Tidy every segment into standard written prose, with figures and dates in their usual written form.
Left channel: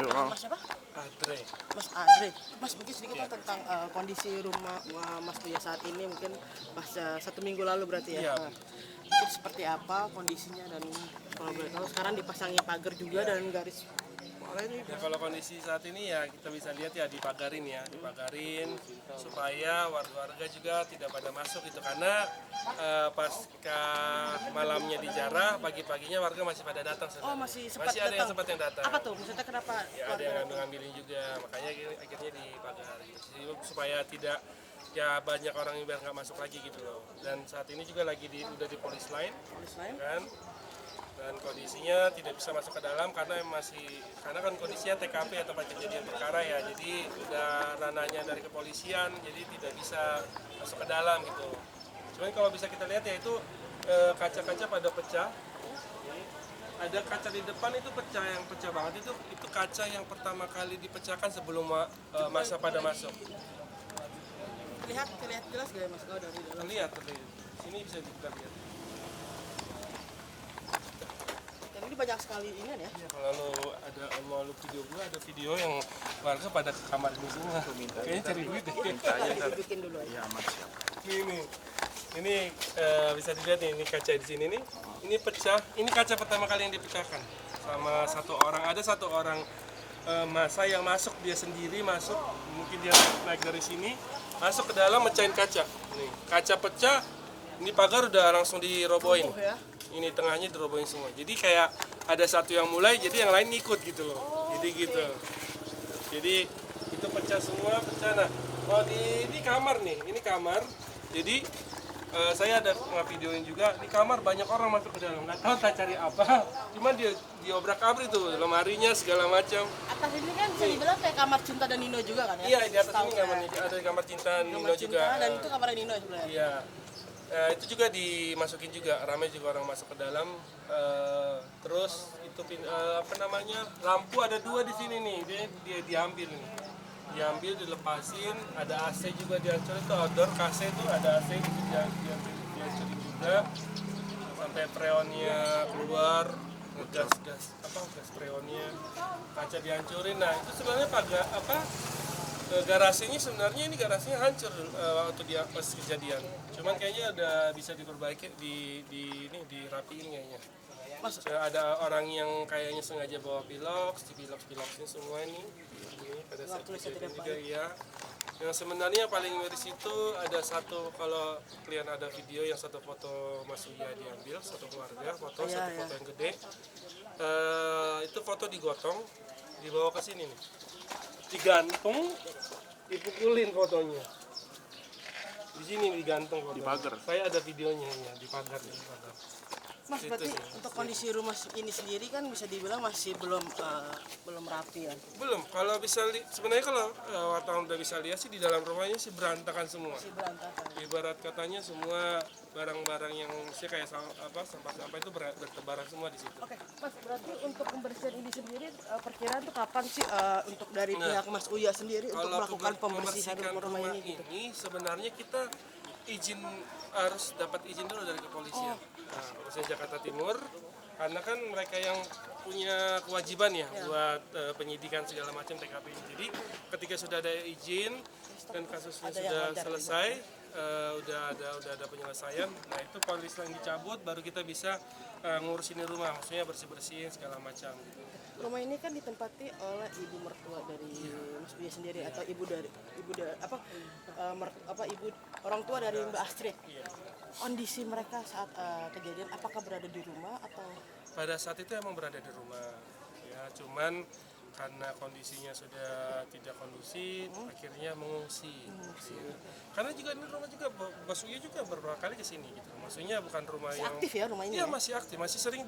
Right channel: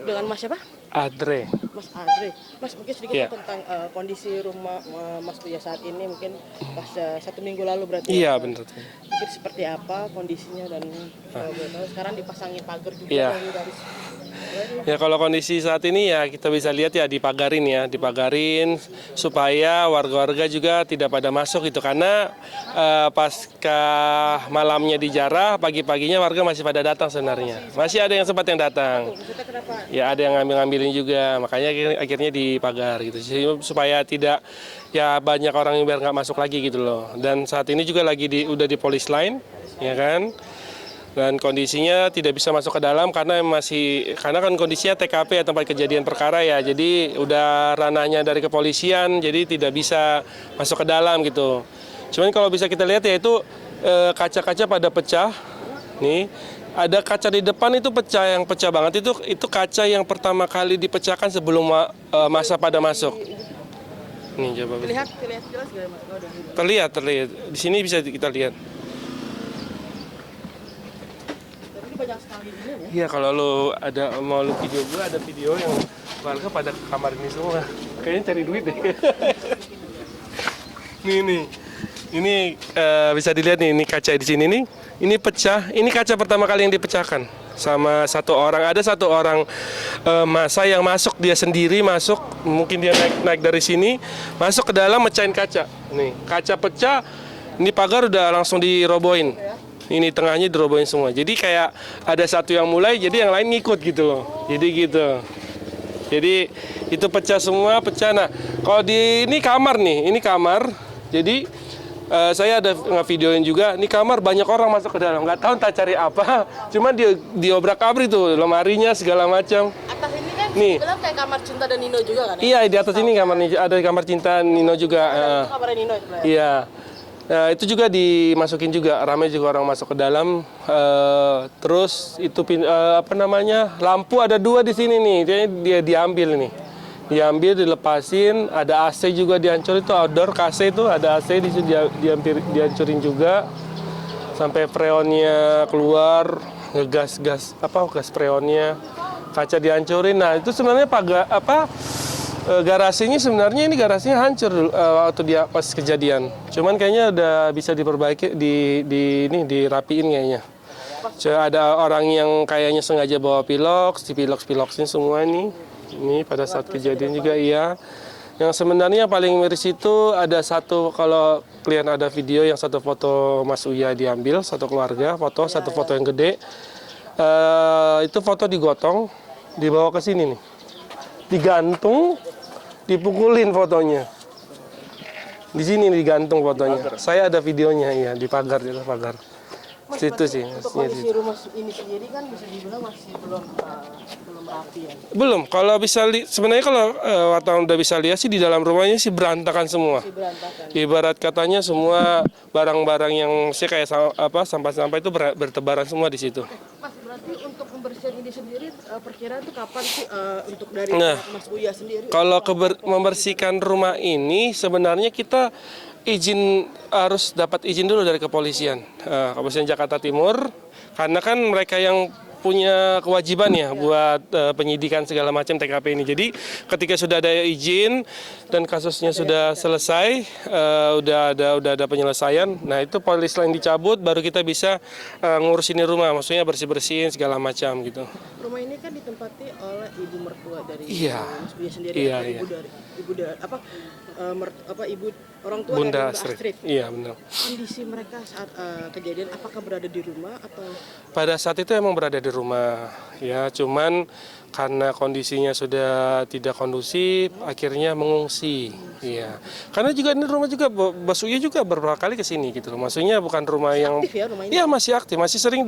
Dengan Mas siapa? Adre. Mas Andre. Mas mungkin sedikit Iya. tentang kondisi rumah Mas Buya saat ini mungkin pas 1 minggu lalu berarti. Iya, ya? benar. Mungkin seperti apa kondisinya dan kalau boleh tahu sekarang dipasangnya pagar juga Iya. dari Ya kalau kondisi saat ini ya kita bisa lihat ya dipagarin supaya warga-warga juga tidak pada masuk gitu karena pasca malamnya dijarah pagi-paginya warga masih pada datang sebenarnya. Masih ada yang sempat yang datang. maksudnya kenapa? Ya ada yang ngambil-ngambilin juga, makanya akhirnya dipagar gitu supaya tidak ya banyak orang yang biar nggak masuk lagi gitu loh. Dan saat ini juga lagi udah di polis line, ya kan? Dan kondisinya tidak bisa masuk ke dalam karena kan kondisinya TKP ya tempat kejadian perkara ya. Jadi udah ranahnya dari kepolisian, jadi tidak bisa masuk ke dalam gitu. Cuman kalau bisa kita lihat ya itu kaca-kaca pada pecah. Nih, ada kaca di depan itu pecah, yang pecah banget itu kaca yang pertama kali dipecahkan sebelum masa pada masuk. Nih coba. Terlihat jelas gak ya Mas? Oh, Terlihat. Di sini bisa kita lihat. tapi banyak sekali ini ya. Iya, kalau mau lu video gue ada video yang warga pada ke kamar ini semua. Kayaknya cari duit deh. Ini bisa dilihat nih, ini kaca di sini nih. Ini pecah. Ini kaca pertama kali yang dipecahkan sama satu orang. Ada satu orang masa yang masuk, dia sendiri masuk. Mungkin dia naik dari sini, masuk ke dalam mecahin kaca. Nih, kaca pecah. Ini pagar udah langsung dirobohin. Ini tengahnya dirobohin semua. Jadi kayak ada satu yang mulai, jadi yang lain ngikut gitu loh. Jadi gitu. Jadi itu pecah semua, pecah. Nah, kalau di ini kamar nih, ini kamar. Jadi saya ada nge-videoin juga. Ini kamar banyak orang masuk ke dalam. Nggak tahu entah cari apa. Cuman dia diobrak-abrik tuh, lemarinya segala macam. Atas ini kan Nih. bilang kayak kamar Cinta dan Nino juga kan? Ya? Iya, di atas ini ada kamar Cinta Nino juga. Dan itu kamarnya Nino sebenarnya. Iya. Nah, itu juga dimasukin juga, ramai juga orang masuk ke dalam. Terus itu lampu ada 2 di sini nih, dia diambil nih, dilepasin. Ada AC juga dihancurin, itu outdoor AC itu ada AC di situ dihancurin juga, sampai freonnya keluar, gas freonnya, kaca dihancurin. Nah itu sebenarnya garasinya sebenarnya ini garasinya hancur waktu dia pas kejadian. Cuman kayaknya udah bisa diperbaiki, dirapiin kayaknya. Ada orang yang kayaknya sengaja bawa piloks, dipilok-piloksin semua nih. Ini pada saat kejadian juga iya. Yang sebenarnya paling miris itu ada satu, kalau kalian ada video yang satu foto Mas Uya diambil, satu keluarga, satu foto yang gede. Itu foto digotong, dibawa ke sini nih. Digantung, dipukulin fotonya. Di sini digantung fotonya. Saya ada videonya ya, di pagar. Mas, Situ sih. Untuk kondisi rumah ini sendiri kan bisa dibilang masih belum rapi ya. Belum, kalau bisa sebenarnya kalau wartawan udah bisa lihat sih di dalam rumahnya sih berantakan semua. Masih berantakan. Ibarat katanya semua barang-barang yang sih kayak sampah-sampah itu bertebaran semua di situ. Mas, berarti untuk pembersihan ini sendiri perkiraan itu kapan sih untuk dari Nah, pihak Mas Buya sendiri? Kalau membersihkan rumah ini sebenarnya kita harus dapat izin dulu dari kepolisian, Kepolisian Jakarta Timur, karena kan mereka yang punya kewajiban ya buat penyidikan segala macam TKP ini. Jadi ketika sudah ada izin dan kasusnya sudah selesai, udah ada penyelesaian, nah itu polis lain dicabut, baru kita bisa ngurusin rumah, maksudnya bersih-bersihin segala macam gitu. Rumah ini kan ditempati oleh ibu mertua dari Mas Buya sendiri, Iya. ibu orang tua Bunda dari Astrid. Iya benar. Kondisi mereka saat kejadian apakah berada di rumah atau? Pada saat itu emang berada di rumah, ya cuman karena kondisinya sudah tidak kondusif, akhirnya mengungsi. Iya, karena juga ini rumah juga Mas Uya juga beberapa kali ke sini gitu loh. Maksudnya bukan rumah yang aktif ya rumah ini? Iya masih aktif, masih sering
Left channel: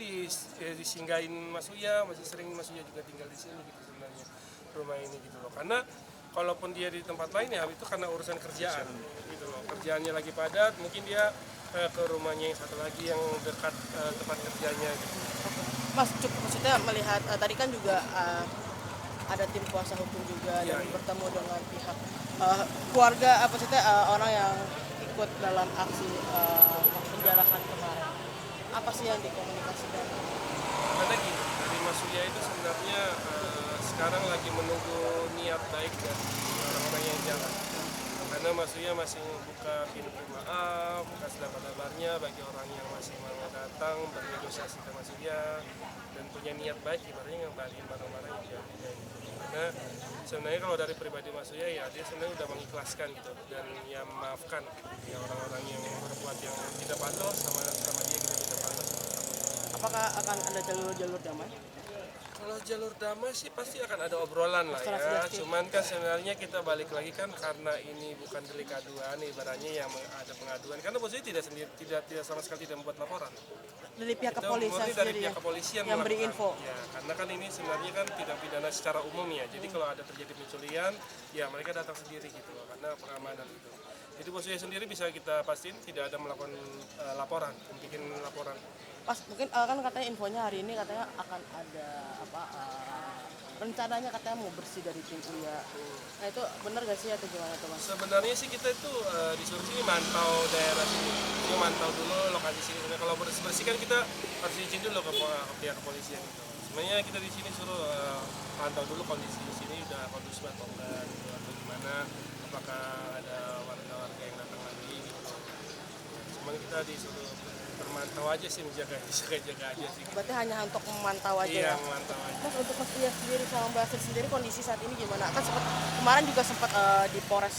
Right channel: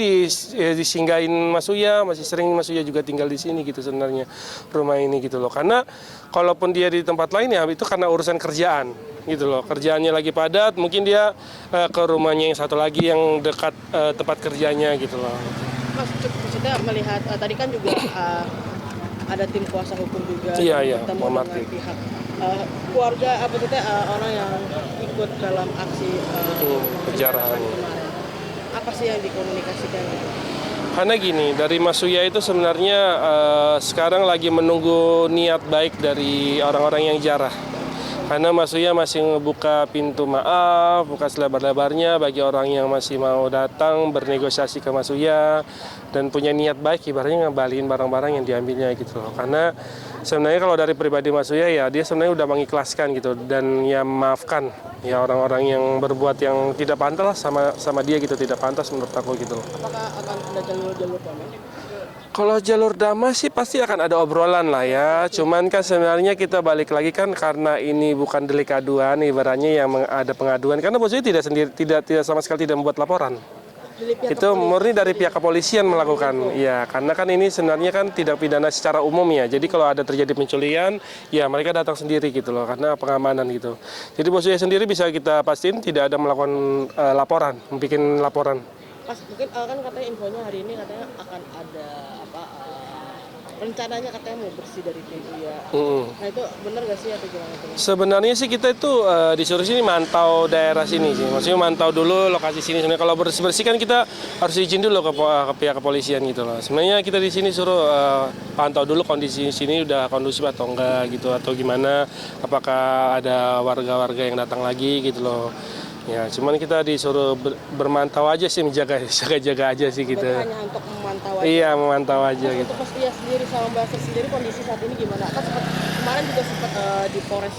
disinggahin Mas Uya, masih sering Mas Uya juga tinggal di sini gitu sebenarnya rumah ini gitu loh. Karena kalaupun dia di tempat lain ya itu karena urusan kerjaan gitu loh. Kerjaannya lagi padat, mungkin dia ke rumahnya yang satu lagi yang dekat tempat kerjanya gitu loh. Mas, maksudnya melihat tadi kan juga ada tim kuasa hukum juga Iya, bertemu Muhammad dengan pihak keluarga orang yang ikut dalam aksi penjarahan kemarin. Apa sih yang dikomunikasikan? Karena gini, dari Mas Uya itu sebenarnya sekarang lagi menunggu niat baik dari orang-orang yang jarah. Karena Mas Uya masih ngebuka pintu maaf, buka selebar-lebarnya bagi orang yang masih mau datang bernegosiasi ke Mas Uya dan punya niat baik, ibaratnya ngembaliin barang-barang yang diambilnya gitu loh. Karena sebenarnya kalau dari pribadi Mas Uya ya dia sebenarnya udah mengikhlaskan gitu dan ya memaafkan ya orang-orang yang berbuat yang tidak pantas sama dia gitu, tidak pantas menurut aku gitu loh. Apakah akan ada jalur-jalur damai? Kalau jalur damai sih pasti akan ada obrolan lah ya. Cuman kan sebenarnya kita balik lagi kan karena ini bukan delik aduan, ibaratnya yang ada pengaduan. Karena bosnya tidak sendiri, tidak sama sekali tidak membuat laporan. Dari pihak Itu murni dari pihak kepolisian melakukan. Ya, karena kan ini sebenarnya kan tidak pidana secara umum ya. Jadi kalau ada terjadi penculian, ya mereka datang sendiri gitu loh, karena pengamanan gitu. Jadi bosnya sendiri bisa kita pastiin tidak ada melakukan laporan, bikin laporan. Pas mungkin kan katanya infonya hari ini katanya akan ada apa rencananya katanya mau bersih dari Cina. Nah itu benar gak sih atau gimana tuh? Sebenarnya sih kita itu disuruh sini mantau daerah sini sih. Maksudnya mantau dulu lokasi sini. Sebenarnya kalau bersih-bersih kan kita harus izin dulu ke pihak kepolisian gitu loh. Sebenarnya kita di sini suruh pantau dulu kondisi sini udah kondusif atau enggak gitu, atau gimana, apakah ada warga-warga yang datang lagi gitu loh. Ya, cuman kita disuruh bermantau aja sih, jaga-jaga aja sih gitu. Berarti hanya untuk memantau aja. Iya, memantau aja Nah, gitu. untuk Mas Pia sendiri sama Mbak Astrid sendiri kondisi saat ini gimana? Kan sempat kemarin juga sempat di Polres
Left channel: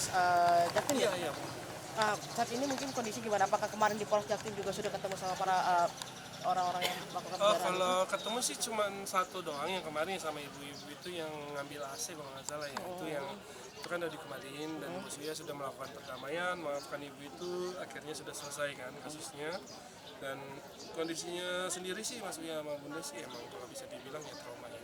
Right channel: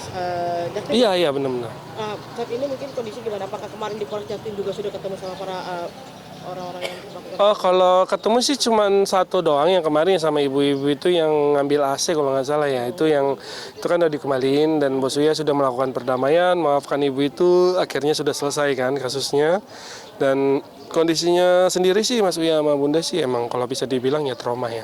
Jatim. Iya, benar-benar. Saat ini mungkin kondisi gimana? Apakah kemarin di Polres Jatim juga sudah ketemu sama para orang-orang yang melakukan? Oh, kalau ketemu sih cuma satu doang yang kemarin sama ibu-ibu itu yang ngambil AC kalau nggak salah ya. Itu kan udah dikembaliin dan Bos Uya sudah melakukan perdamaian, maafkan ibu itu, akhirnya sudah selesai kan kasusnya. Dan kondisinya sendiri sih Mas Uya sama Bunda sih emang kalau bisa dibilang ya trauma ya.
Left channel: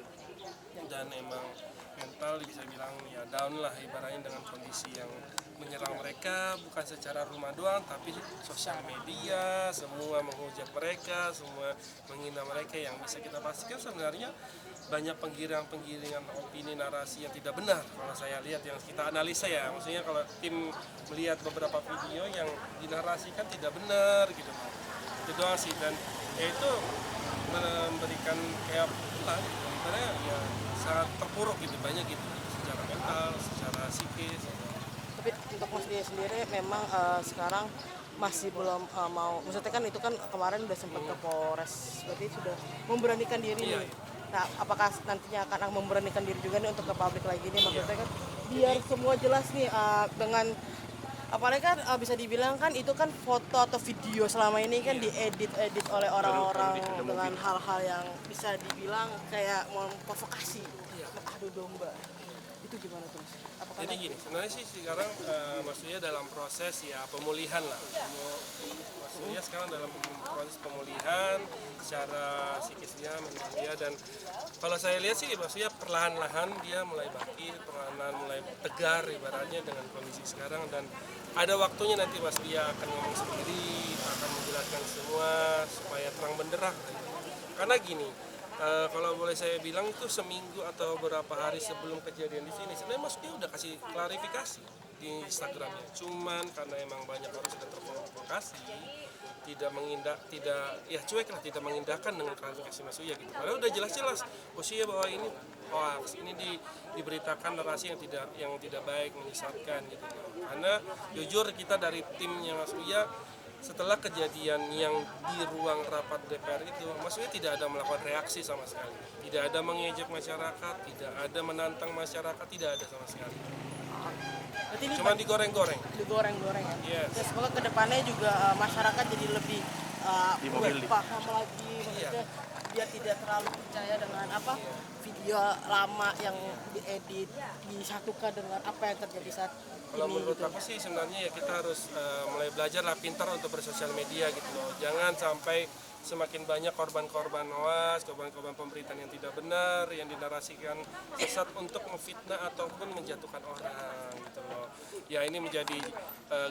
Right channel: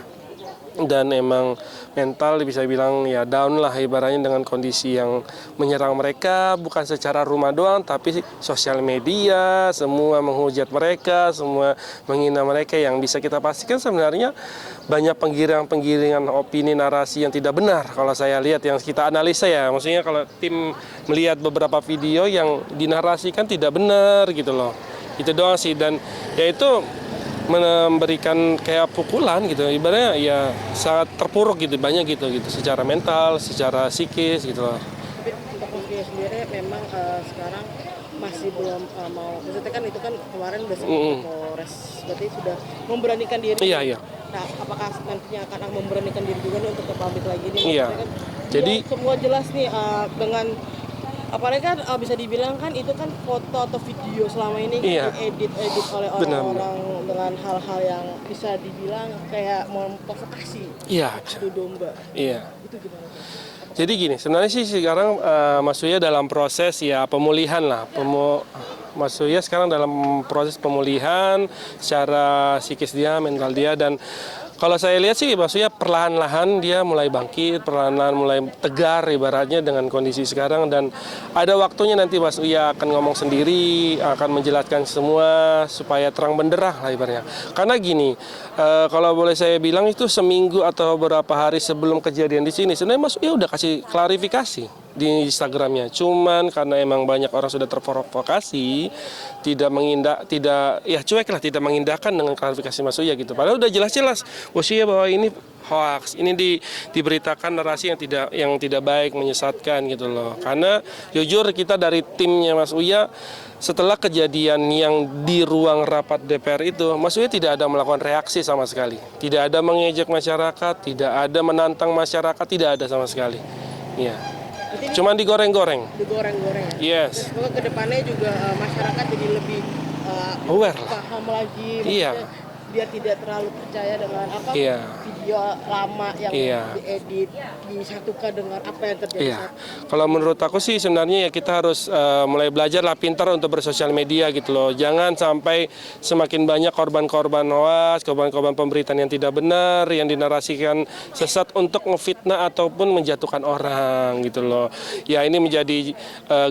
Dan emang mental bisa bilang ya down lah ibaratnya dengan kondisi yang menyerang mereka bukan secara rumah doang tapi sosial media semua menghujat mereka, semua menghina mereka, yang bisa kita pastikan sebenarnya banyak penggiringan opini narasi yang tidak benar kalau saya lihat, yang kita analisa ya, maksudnya kalau tim melihat beberapa video yang dinarasikan tidak benar gitu loh, itu doang sih. Dan ya itu memberikan kayak pukulan gitu, ibaratnya ya sangat terpuruk gitu, banyak gitu secara mental, secara psikis gitu loh. Tapi untuk Mas Pia sendiri memang sekarang masih belum mau, maksudnya kan itu kan kemarin udah sempat ke Polres, berarti sudah memberanikan diri. Iya. Nah, apakah nantinya akan memberanikan diri juga nih untuk ke publik lagi nih? Iya. Maksudnya kan Jadi semua jelas nih dengan apalagi kan bisa dibilang kan itu kan foto atau video selama ini kan Iya. diedit oleh orang-orang dengan hal-hal yang bisa dibilang kayak memprovokasi iya, adu domba. iya. Itu gimana tuh? Jadi gini, sebenarnya sih sekarang Mas Uya dalam proses ya pemulihan lah. Mas Uya sekarang dalam proses pemulihan secara psikis dia, mental dia, dan kalau saya lihat sih Mas Uya perlahan-lahan dia mulai bangkit, perlahan-lahan mulai tegar ibaratnya dengan kondisi sekarang, dan ada waktunya nanti Mas Uya akan ngomong sendiri, akan menjelaskan semua supaya terang benderang lah ibaratnya. Karena gini, kalau boleh saya bilang itu seminggu atau beberapa hari sebelum kejadian di sini, sebenarnya Mas Uya udah kasih klarifikasi di Instagramnya. Cuman karena emang banyak orang sudah terprovokasi, tidak cuek lah, tidak mengindahkan dengan klarifikasi Mas Uya gitu. Padahal udah jelas-jelas Mas Uya bahwa ini hoax, ini diberitakan narasi yang tidak baik, menyesatkan gitu loh. Karena jujur kita dari timnya Mas Uya, setelah kejadian yang di ruang rapat DPR itu, Mas Uya tidak ada melakukan reaksi sama sekali. Tidak ada mengejek masyarakat, tidak ada menantang masyarakat, tidak ada sama sekali. Iya. Cuman digoreng-goreng. Digoreng-goreng ya. Yes. Semoga kedepannya juga masyarakat jadi lebih Aware. paham lagi, Iya. maksudnya biar tidak terlalu percaya dengan Iya. video lama yang Iya. diedit disatukan dengan apa yang terjadi. Iya, kalau menurut aku sih sebenarnya ya kita harus mulai belajar lah pintar untuk bersosial media gitu loh. Jangan sampai semakin banyak korban-korban hoax, korban-korban pemberitaan yang tidak benar, yang dinarasikan sesat untuk ngefitnah ataupun menjatuhkan orang gitu loh. Ya ini menjadi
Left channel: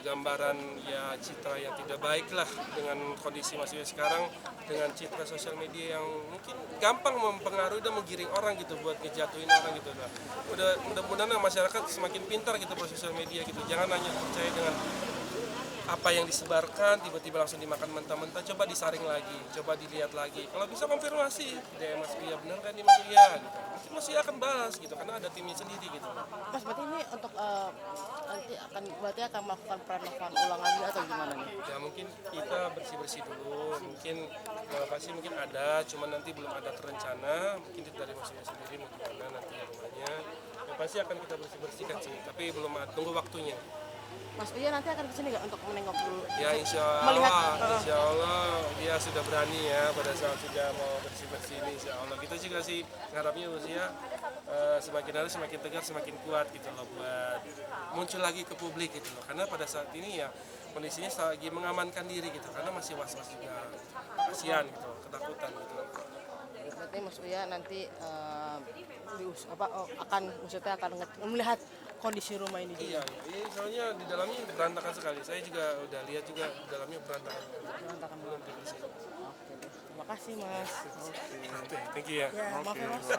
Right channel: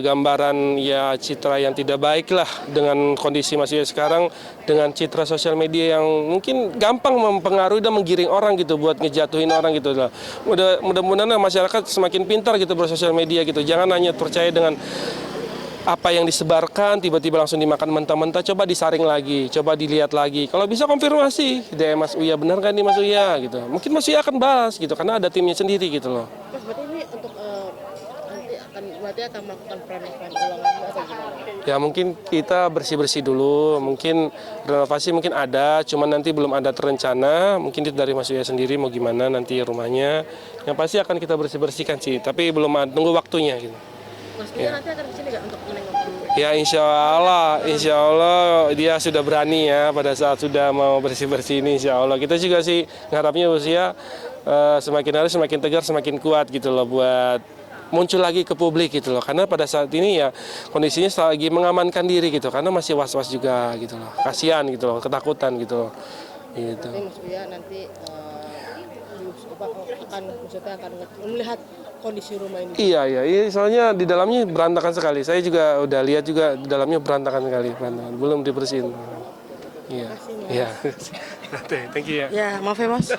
gambaran ya citra yang tidak baik lah dengan kondisi masih sekarang, dengan citra sosial media yang mungkin gampang mempengaruhi dan menggiring orang gitu buat ngejatuhin orang gitu loh. Mudah-mudahan masyarakat semakin pintar gitu bersosial media gitu. Jangan hanya percaya dengan apa yang disebarkan tiba-tiba langsung dimakan mentah-mentah, coba disaring lagi, coba dilihat lagi. Kalau bisa konfirmasi, DM Mas Uya, benar kan nih Mas Uya gitu. Mungkin Mas Uya akan bahas gitu karena ada timnya sendiri gitu loh. Mas, berarti ini untuk nanti akan melakukan perenovanan ulangan atau gimana? Ya mungkin kita bersih-bersih dulu, mungkin renovasi mungkin ada, cuman nanti belum ada terencana, mungkin itu dari Mas Uya sendiri mau gimana nanti rumahnya. Yang pasti akan kita bersih-bersihkan sih, tapi belum tunggu waktunya gitu. Mas Uya nanti akan kesini nggak untuk menengok dulu? Ya insya Allah dia sudah berani ya pada saat sudah mau bersih-bersih ini insya Allah. Kita juga sih ngarapnya usia semakin hari semakin tegar, semakin kuat gitu loh buat muncul lagi ke publik gitu loh. Karena pada saat ini ya kondisinya lagi mengamankan diri gitu karena masih was-was juga gitu loh. Kasihan gitu loh, ketakutan gitu loh. Gitu. Tapi Mas Uya nanti akan melihat kondisi rumah ini. Iya, soalnya di dalamnya berantakan sekali. Saya juga udah lihat juga di dalamnya berantakan sekali, belum dibersihin. Iya. Terima kasih, Mas. Iya. Thank you ya. Ya, maaf ya Mas.